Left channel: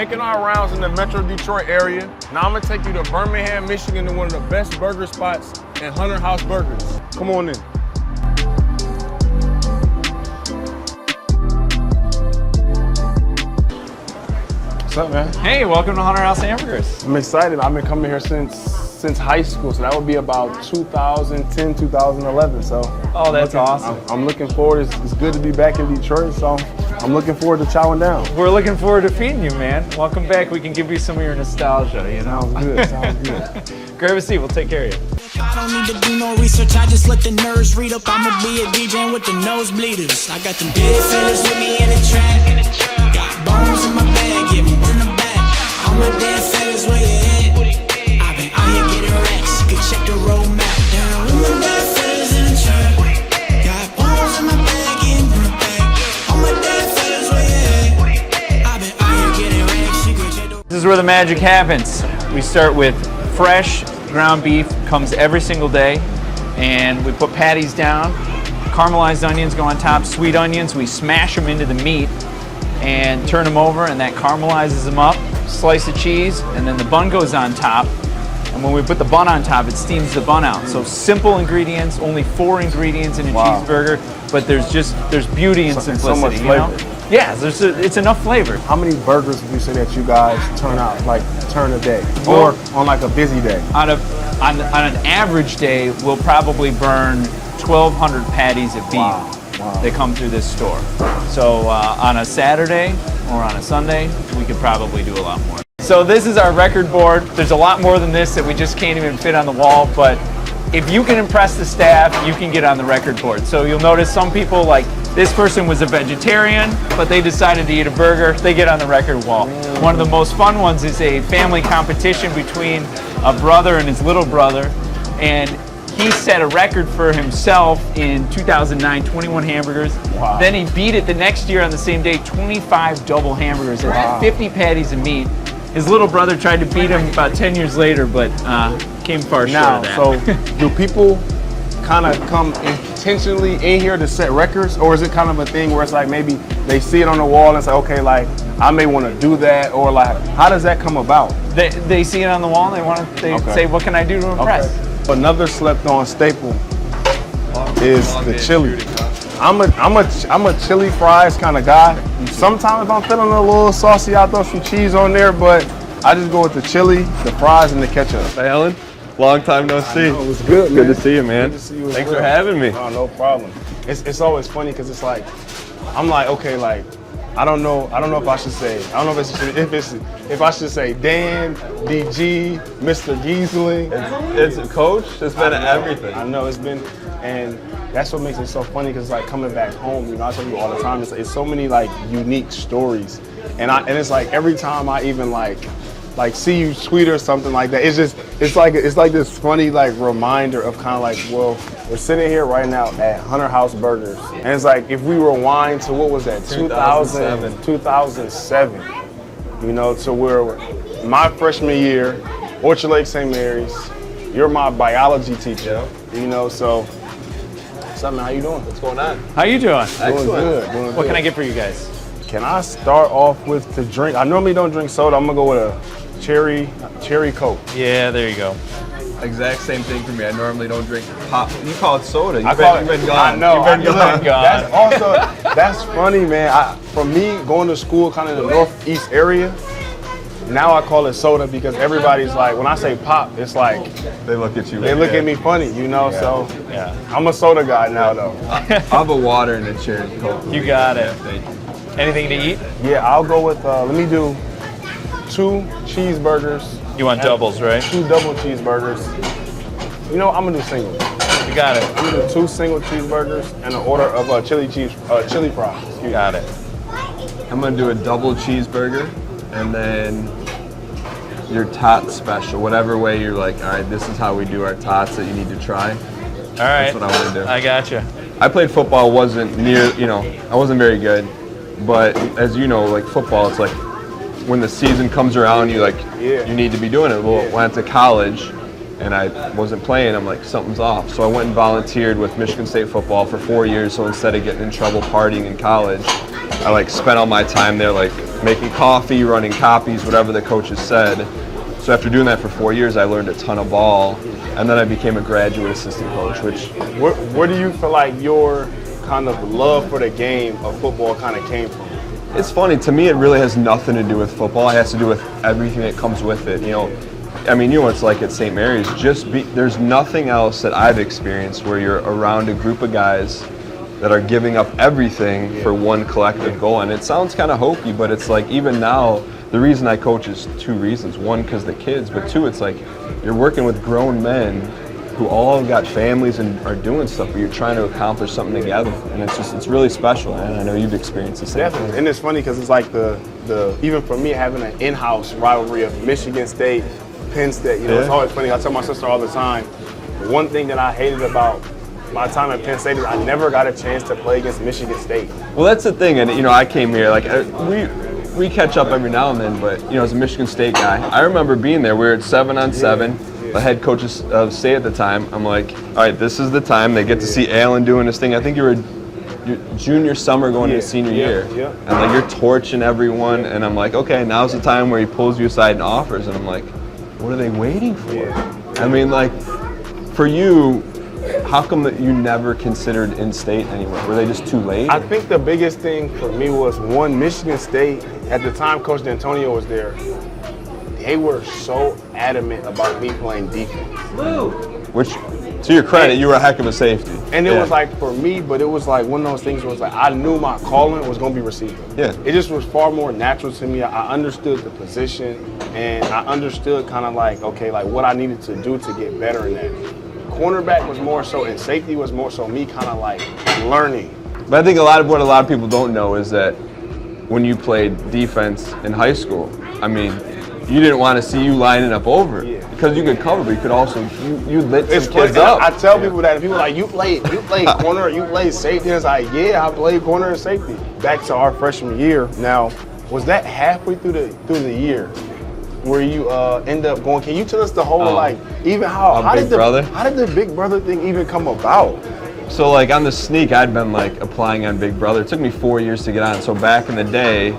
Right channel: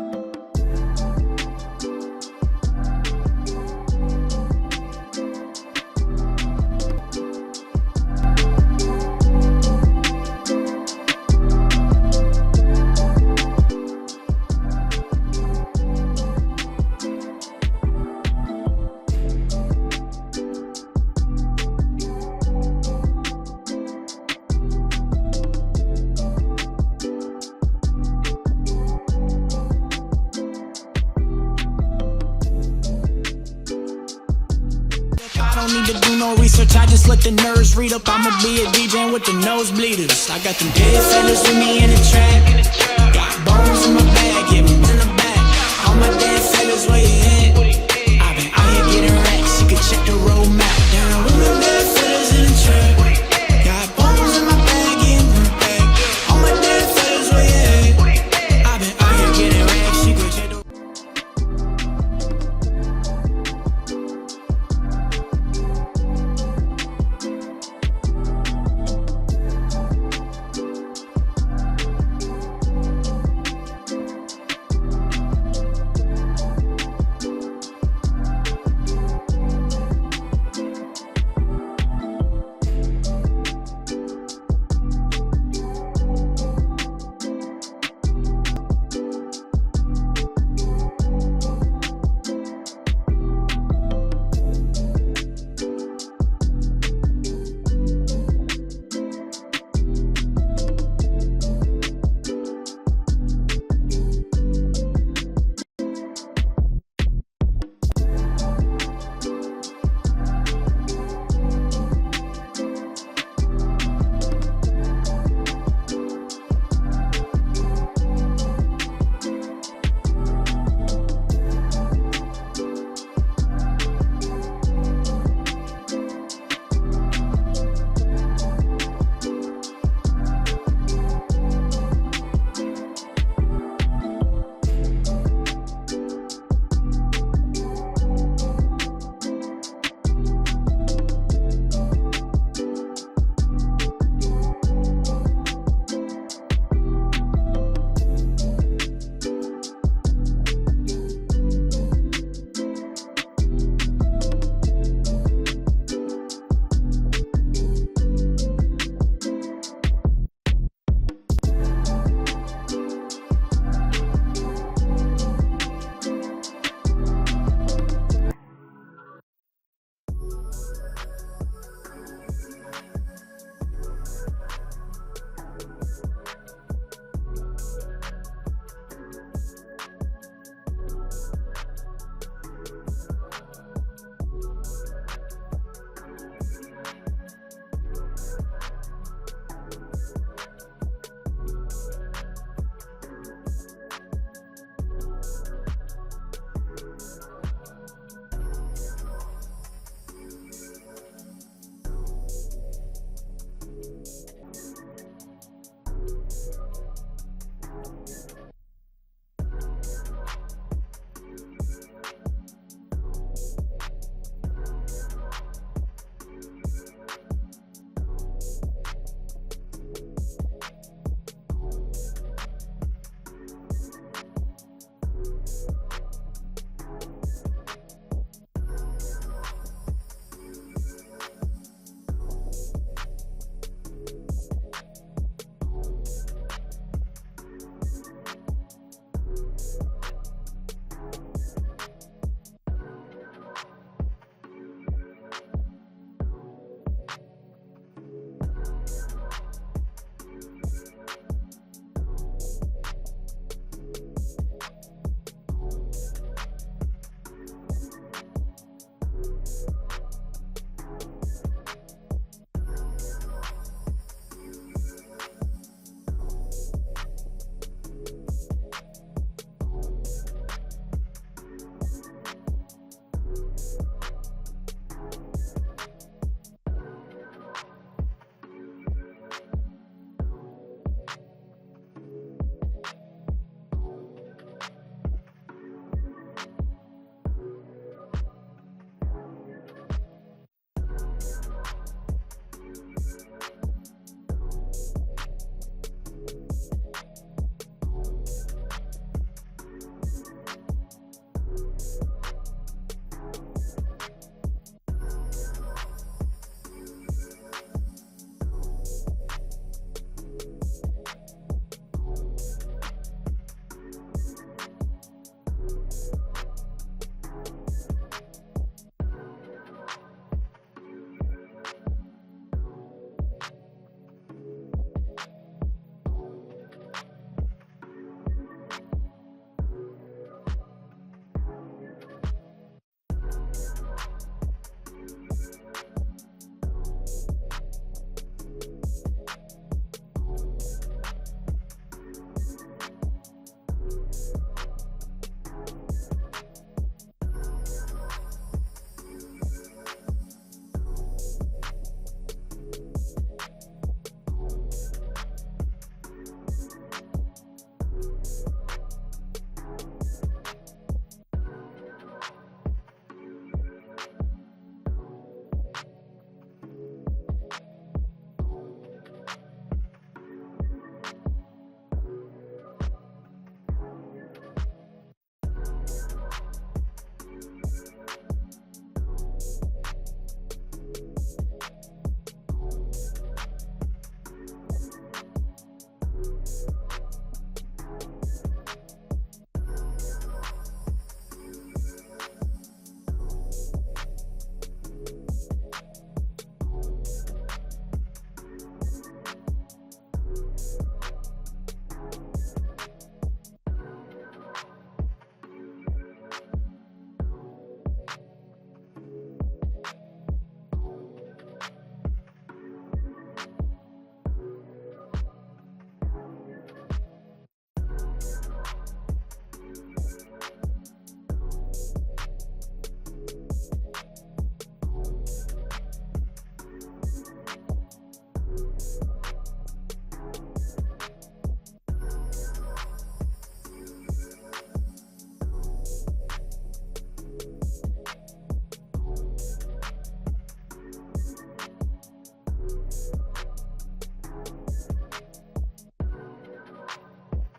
making our rounds in the Metro Detroit area. Now I'm gonna take you to Birmingham, Michigan, to one of the best burger spots at Hunter House Burgers. Come on in. What's up, man? Hey, welcome to Hunter House Hamburgers. I'm excited. I've been coming here since high school, so that would be about 2010, 2011. So. Oh, that's awesome. I'm looking forward. It's good to be back in Detroit, so I'm looking forward to chowing down. We're looking forward to feeding you, man. Welcome back. We can give you some of your nostalgia, you know? Sounds good. Grab a seat. We'll take care of you. I don't need to do no research, I just let the nerds read up. I'ma be a DJ with the nosebleeders. I got them dead fellas with me in the trap. Got bones in my bag, yeah, in the back. All my dead fellas, where you at? I've been out here getting racks, you can check the road map. Down with my dead fellas in the trap. Got bones in my bag, yeah, in the back. All my dead fellas, where you at? I've been out here getting racks, you can check the. This is where the magic happens. We start with fresh ground beef, comes every single day, and we put patties down. Caramelized onions go on top, sweet onions, we smash them into the meat and turn them over, and that caramelizes them up. Slice of cheese, and then the bun goes on top. And when we put the bun on top, it steams the bun out. So simple ingredients, only 4 ingredients in a cheeseburger, but there's beauty in simplicity. So much flavor. You know? Yeah, it's enough flavor. How many burgers would you say that you guys turn a day, or on like a busy day? On an average day, we'll probably burn 1,200 patties of beef. Wow. That come through this store. So on a Saturday or on a Sunday, we could probably do a lot more. So this is our record board. There's a lot more than this that we just can't even fit on the wall, but if you can impress the staff, you can get on the record board. So you'll notice some people, like this person was a vegetarian, but they decided to eat a burger, they get on the record wall. One of the most fun ones is a family competition between a brother and his little brother, and he set a record for himself in 2009, 21 hamburgers. Wow. Then he beat it the next year on the same day, 25 double hamburgers and 50 patties of meat. His little brother tried to beat him about 10 years later, but came far short of that. So do people kind of come intentionally in here to set records, or is it kind of a thing where it's like maybe they see it on the wall and say, okay, like I may want to do that, or like how does that come about? They see it on the wall and they say, what can I do to impress? Okay. Another slept-on staple is the chili. I'm a chili fries kind of guy. Sometimes if I'm feeling a little saucy, I'll throw some cheese on there, but I just go with the chili, the fries, and the ketchup. Hey, Ellen. Long time no see. It was good, Good to see you, man. Good to see you as Thanks well. for having me. Oh, no problem. It's always funny because it's like, I'm like, okay, like, I don't know if I should say, if I should say Dan, DG, Mr. Giesling. It's a coach. It's been everything. I know it's been, and that's what makes it so funny because like coming back home, you know, I tell you all the time, it's so many like unique stories, and it's like every time I even like see you tweet or something like that, it's like this funny like reminder of kind of like, well, we're sitting here right now at Hunter House Burgers, and it's like if we rewind to what was that 2007, you know, to where my freshman year, Orchard Lake St. Mary's, you're my biology teacher, you know, so. Something, how you doing? What's going on? How you doing? Doing good, doing What good. can I get for you guys? Can I start off with the drink? I normally don't drink soda. I'm gonna go with a cherry Coke. Yeah, there you go. Exact same thing for me. I normally don't drink pop. You call it soda. I call it. You've been gone. I know. You've been Look, gone. That's also that's funny, man. For me, going to school kind of the northeast area, now I call it soda because everybody's like, when I say pop, it's like They look at you. they look at me funny, you know. So Yeah. I'm a soda guy now, though. I'll have a water and a cherry Coke. You got it. Thank you. Anything to eat? Yeah, I'll go with. Let me do 2 cheeseburgers. You want doubles, right? 2 double cheeseburgers. You know, I'm gonna do singles. You got it. I'm gonna do 2 single cheeseburgers and an order of chili fries. Excuse me. Got it. I'm gonna do a double cheeseburger and then your tot special. Whatever way you're like, all right, this is how we do our tots that you need to try. All right. That's what I want to do. I got you. I played football, wasn't near, I wasn't very good. But as you know, like football, it's like when the season comes around, you need to be doing it. Well, when I went to college and I wasn't playing, I'm like, something's off. So I went and volunteered with Michigan State football for 4 years. So instead of getting in trouble partying in college, I like spent all my time there, like making coffee, running copies, whatever the coaches said. So after doing that for 4 years, I learned a ton of ball, and then I became a graduate assistant coach, which Where do you feel like your kind of love for the game of football kind of came from? it's funny, to me it really has nothing to do with football. It has to do with everything that comes with it. You know, I mean, you know what it's like at St. Mary's. There's nothing else that I've experienced where you're around a group of guys that are giving up everything for one collective goal. And it sounds kind of hokey, but it's like even now, the reason I coach is two reasons. One, because the kids, but two, it's like you're working with grown men who all got families and are doing stuff, but you're trying to accomplish something together. And it's really special, and I know you've experienced the same thing. Definitely, and it's funny because it's like the even for me having an in-house rivalry of Michigan State, Penn State. You know, it's always funny. I tell my sister all the time. One thing that I hated about my time at Penn State is I never got a chance to play against Michigan State. Well, that's the thing, and you know, I came here like we catch up every now and then, but you know, as a Michigan State guy, I remember being there. We were at 7-on-7. The head coach of State at the time. I'm like, all right, this is the time. They get to see Alan doing this thing. I think you were your junior summer going into senior year, and like you're torching everyone, and I'm like, okay, now's the time where he pulls you aside and offers, and I'm like, what are they waiting for? I mean, like, for you, how come that you never considered in-state anywhere? Were they just too late? I think the biggest thing for me was one, Michigan State, at the time Coach D'Antonio was there, they were so adamant about me playing defense. Which, to your credit, you were a heck of a safety. And it was like, for me, but it was like one of those things where it's like, I knew my calling was going to be receiver. Yeah. It just was far more natural to me. I understood the position, and I understood kind of like, okay, like what I needed to do to get better in that. Cornerback was more so, and safety was more so me kind of like learning. But I think what a lot of people don't know is that when you played defense in high school, I mean, you didn't want to see you lining up over because you could cover, but you could also you lit some kids up. I tell people that, and people are like, you played corner, you played safety. And it's like, yeah, I played corner and safety. Back to our freshman year. Now, was that halfway through the year where you end up going? Can you tell us the whole like even how did the Big Brother thing even come about? So like on the sneak, I'd been like applying on Big Brother. It took me 4 years to get on. So back in the day,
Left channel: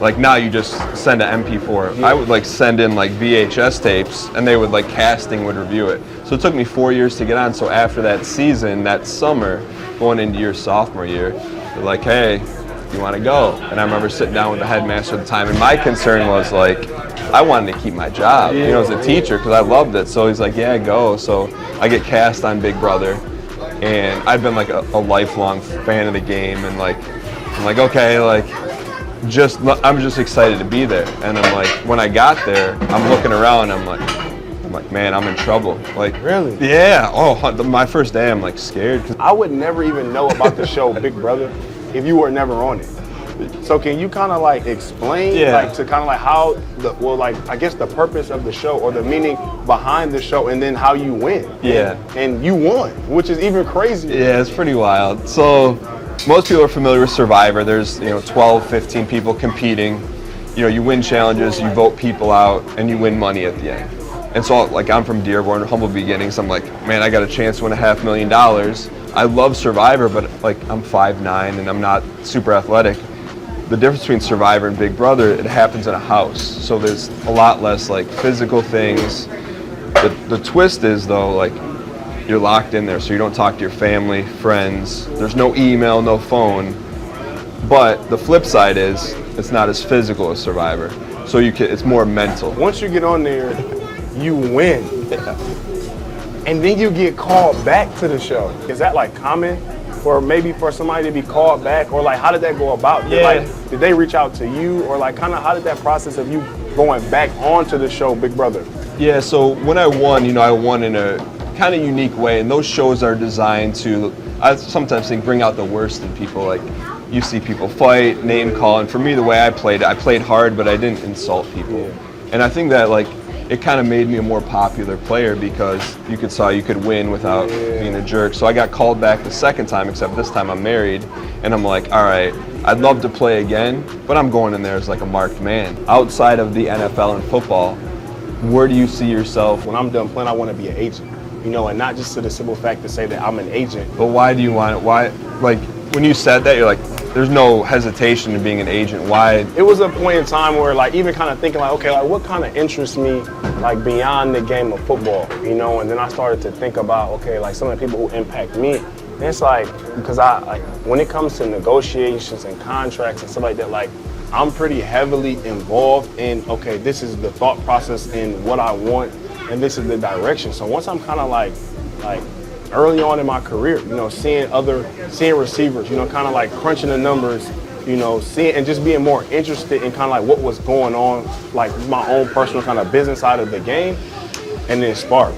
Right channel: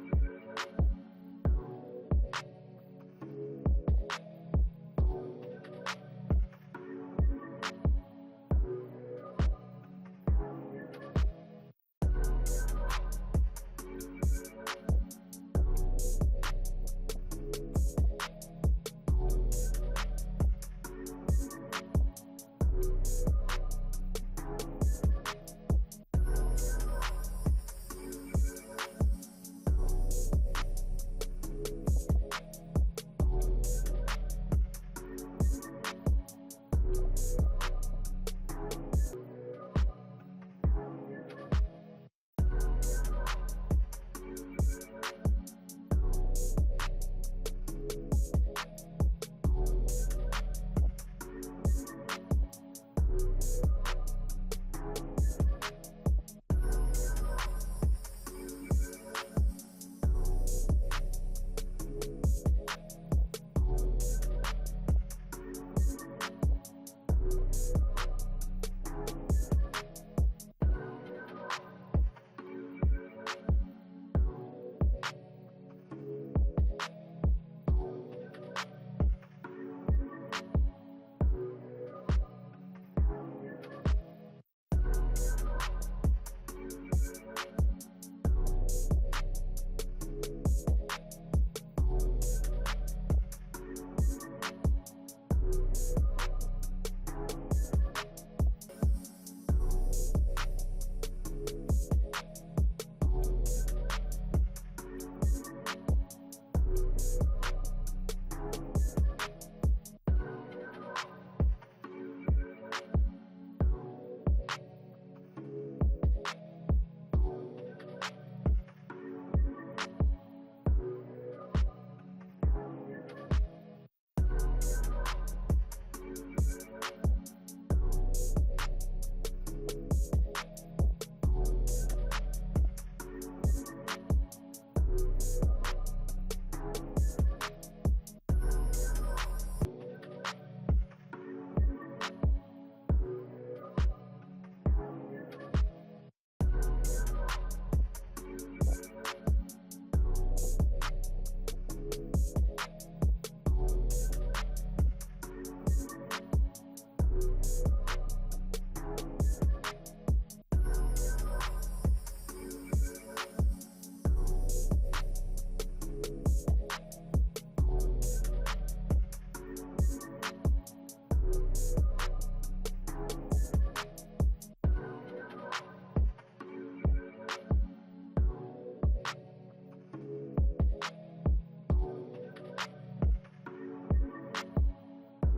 like now you just send an MP4. I would like send in like VHS tapes, and they would like casting would review it. So it took me 4 years to get on. So after that season, that summer, going into your sophomore year, they're like, hey, you want to go? And I remember sitting down with the headmaster at the time, and my concern was like, I wanted to keep my job, you know, as a teacher, because I loved it. So he's like, yeah, go. So I get cast on Big Brother, and I've been like a lifelong fan of the game, and like, I'm like, okay, like, I'm just excited to be there. And I'm like, when I got there, I'm looking around, I'm like, man, I'm in trouble. Like, really? Yeah. Oh, my first day, I'm like scared. I would never even know about the show Big Brother if you were never on it. So can you kind of like explain, like to kind of like how I guess the purpose of the show or the meaning behind the show, and then how you win? Yeah. And you won, which is even crazier. Yeah, it's pretty wild. So most people are familiar with Survivor. There's 12, 15 people competing. You know, you win challenges, you vote people out, and you win money at the end. And so like I'm from Dearborn, humble beginnings. I'm like, man, I got a chance to win $500,000. I love Survivor, but like I'm 5'9" and I'm not super athletic. The difference between Survivor and Big Brother, it happens in a house. So there's a lot less like physical things. The twist is though, like you're locked in there, so you don't talk to your family, friends. There's no email, no phone. But the flip side is it's not as physical as Survivor. So it's more mental. Once you get on there, you win. And then you get called back to the show. Is that like common? Or maybe for somebody to be called back, or like how did that go about? Did they reach out to you, or like kind of how did that process of you going back onto the show Big Brother? Yeah, so when I won, I won in a kind of unique way, and those shows are designed to, I sometimes think, bring out the worst in people. Like you see people fight, name call, and for me the way I played hard, but I didn't insult people. And I think that like it kind of made me a more popular player because you could win without being a jerk. So I got called back the second time, except this time I'm married, and I'm like, all right, I'd love to play again, but I'm going in there as like a marked man. Outside of the NFL and football, where do you see yourself? When I'm done playing, I want to be an agent, and not just to the simple fact to say that I'm an agent. But why do you want it? Why, like, when you said that, you're like, there's no hesitation in being an agent. Why? It was a point in time where, like, even kind of thinking, like, okay, like, what kind of interests me, like, beyond the game of football, you know? And then I started to think about, okay, like, some of the people who impact me. And it's like, because when it comes to negotiations and contracts and stuff like that, like, I'm pretty heavily involved in, okay, this is the thought process in what I want, and this is the direction. So once I'm kind of like early on in my career, you know, seeing receivers, you know, kind of like crunching the numbers, you know, seeing and just being more interested in kind of like what was going on, like my own personal kind of business side of the game, and then spark.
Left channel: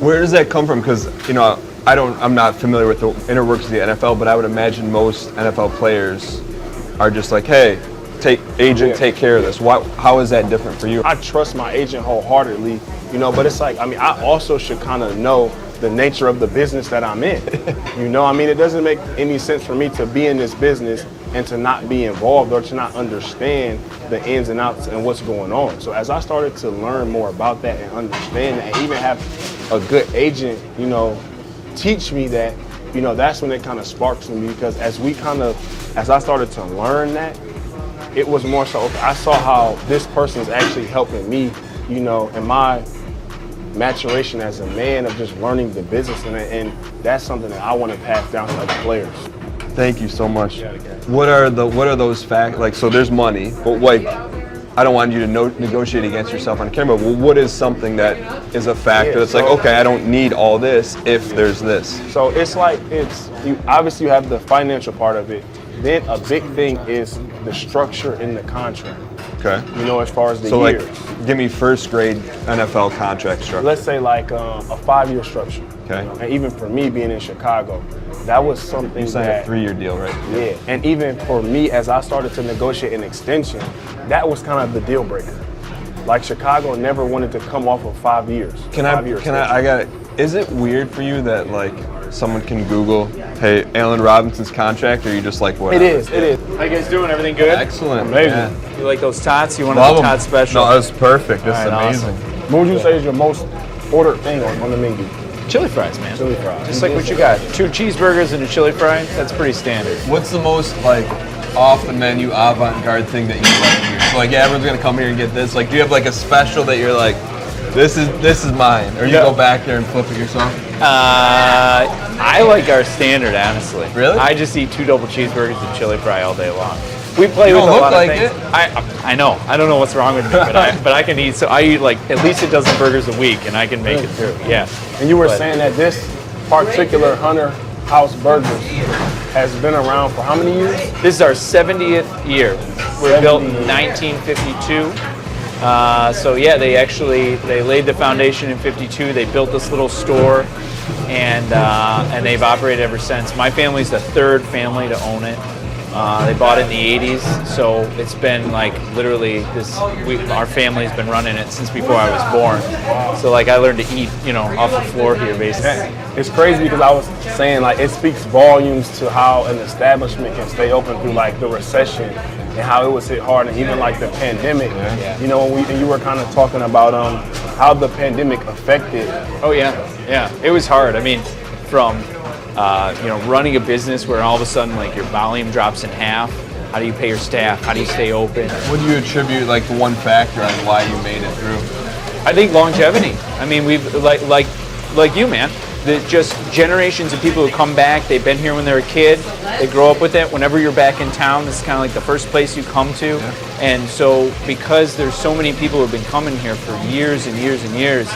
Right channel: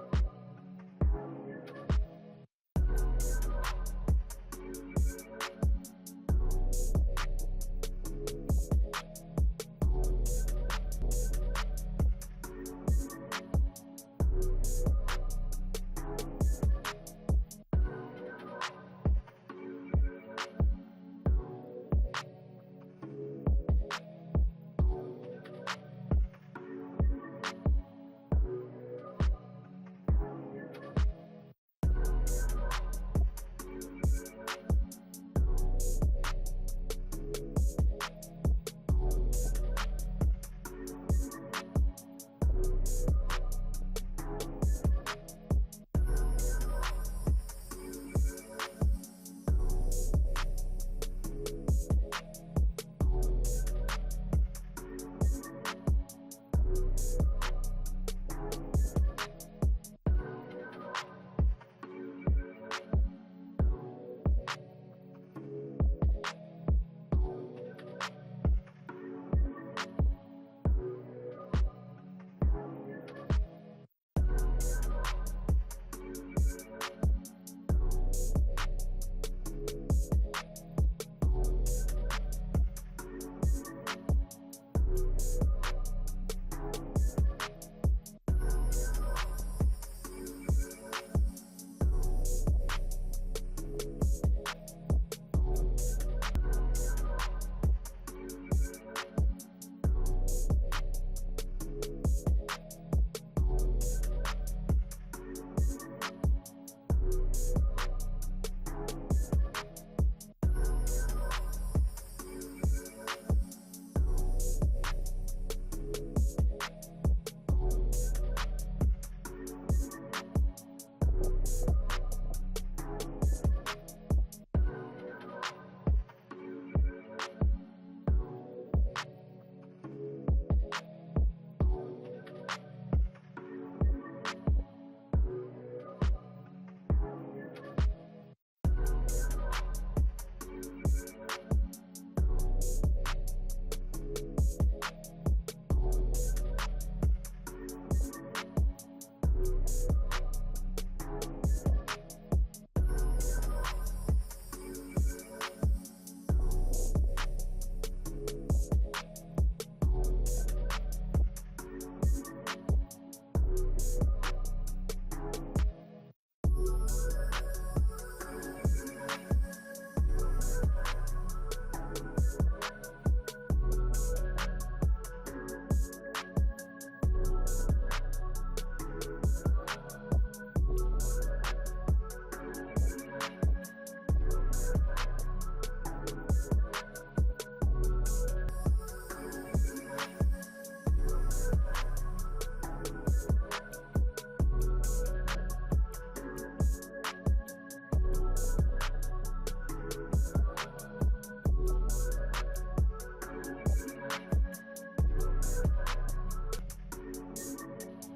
Where does that come from? Because, you know, I'm not familiar with the inner workings of the NFL, but I would imagine most NFL players are just like, hey, take care of this. How is that different for you? I trust my agent wholeheartedly, you know, but it's like, I mean, I also should kind of know the nature of the business that I'm in. You know, I mean, it doesn't make any sense for me to be in this business and to not be involved or to not understand the ins and outs and what's going on. So as I started to learn more about that and understand that, and even have a good agent, you know, teach me that, you know, that's when it kind of sparks in me, because as I started to learn that, it was more so, okay, I saw how this person is actually helping me, you know, in my maturation as a man of just learning the business, and that's something that I want to pass down to other players. Thank you so much. What are those facts? Like, so there's money, but like, I don't want you to negotiate against yourself on camera. Well, what is something that is a factor that's like, okay, I don't need all this if there's this? So it's like, you obviously have the financial part of it. Then a big thing is the structure in the contract. Okay. You know, as far as the years. So like, give me first grade NFL contract structure. Let's say like a 5-year structure. Okay. You know? And even for me being in Chicago, that was something you signed a 3-year deal, right? Yeah. And even for me, as I started to negotiate an extension, that was kind of the deal breaker. Like, Chicago never wanted to come off of 5 years. Is it weird for you that, like, someone can Google, hey, Allen Robinson's contract, or are you just like, whatever? It is. How you guys doing? Everything good? Excellent. Amazing. Yeah. You like those tots? You want a tot special? No, that's perfect. This is right, amazing. awesome. What would you say is your most ordered thing on the menu? Chili fries, man. Chili fries. Just like what you got. 2 cheeseburgers and a chili fry. That's pretty standard. What's the most, like, off the menu avant-garde thing that you like here? So, like, yeah, everyone's gonna come here and get this. Like, do you have like a special that you're like, this is mine, or you go back there and flip it yourself? I like our standard, honestly. Really? I just eat 2 double cheeseburgers and chili fry all day long. We play with a lot of things. I know. I don't know what's wrong with me, but I can eat. So I eat like at least a dozen burgers a week, and I can make it through. Yeah. And you were saying that this particular Hunter House Burgers has been around for how many years? This is our 70th year. We're built in 1952. So yeah, they laid the foundation in '52. They built this little store, and they've operated ever since. My family's the 3rd family to own it. They bought it in the 80s, so it's been like literally our family's been running it since before I was born. So like I learned to eat, you know, off the floor here basically. It's crazy because I was saying like it speaks volumes to how an establishment can stay open through like the recession and how it was hit hard, and even like the pandemic. Yeah. You know, and you were kind of talking about how the pandemic affected. Oh yeah, it was hard. I mean, from you know, running a business where all of a sudden like your volume drops in half. How do you pay your staff? How do you stay open? What do you attribute like the one factor on why you made it through? I think longevity. I mean, we've like you, man. Just generations of people who come back. They've been here when they're a kid. They grow up with it. Whenever you're back in town, this is kind of like the first place you come to. Yeah. And so, because there's so many people who have been coming here for years and years and years,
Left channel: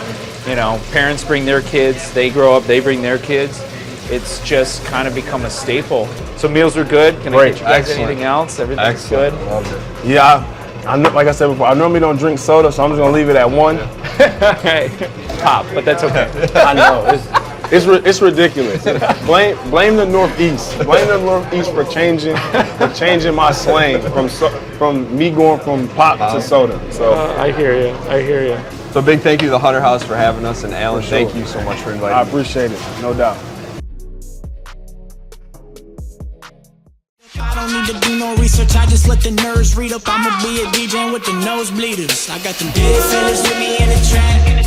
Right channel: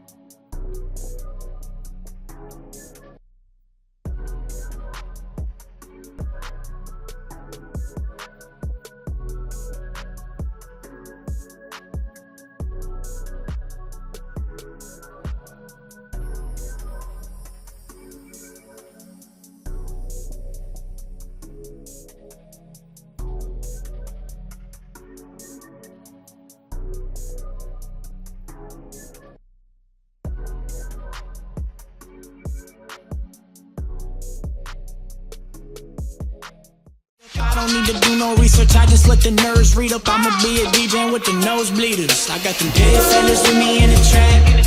you know, parents bring their kids. They grow up. They bring their kids. It's just kind of become a staple. So meals are good. Can I get you guys anything else? Everything's good. Love it. Yeah, like I said before, I normally don't drink soda, so I'm just gonna leave it at 1. Pop, but that's okay. I know it's ridiculous. Blame the Northeast. Blame the Northeast for changing my slang from me going from pop to soda. So I hear you. So big thank you to the Hunter House for having us, and Allen, thank you so much for inviting me. I appreciate it, no doubt. I don't need to do no research, I just let the nerds read up. I'ma be a DJ with the nosebleeders. I got them dead fellas with me in the trap.